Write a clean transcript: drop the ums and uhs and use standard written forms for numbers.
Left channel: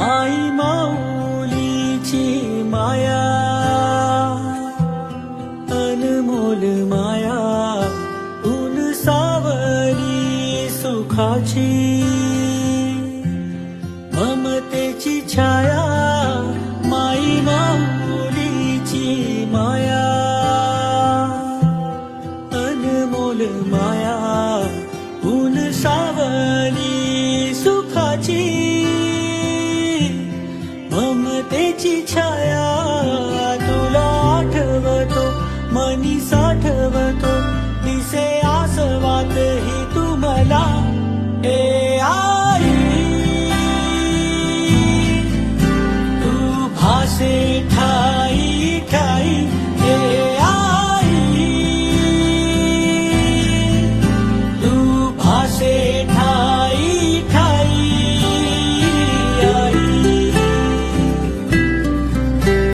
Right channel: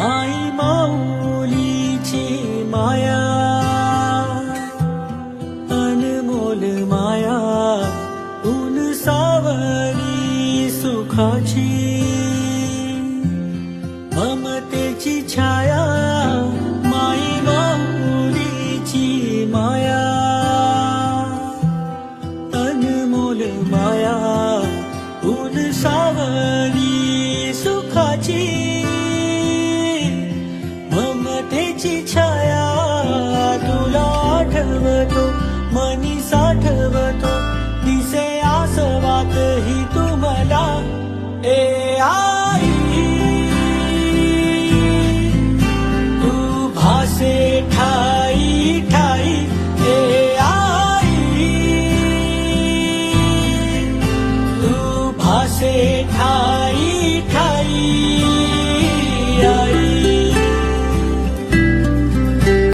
आई माऊलीची माया, अनमोल माया, ऊन सावली सुखाची, ममतेची छाया, माई माऊलीची माया, अनमोल माया, ऊन सावली सुखाची, ममतेची छाया, तुला आठवतो मनी साठवतो, दिसे आसवात ही तू मला.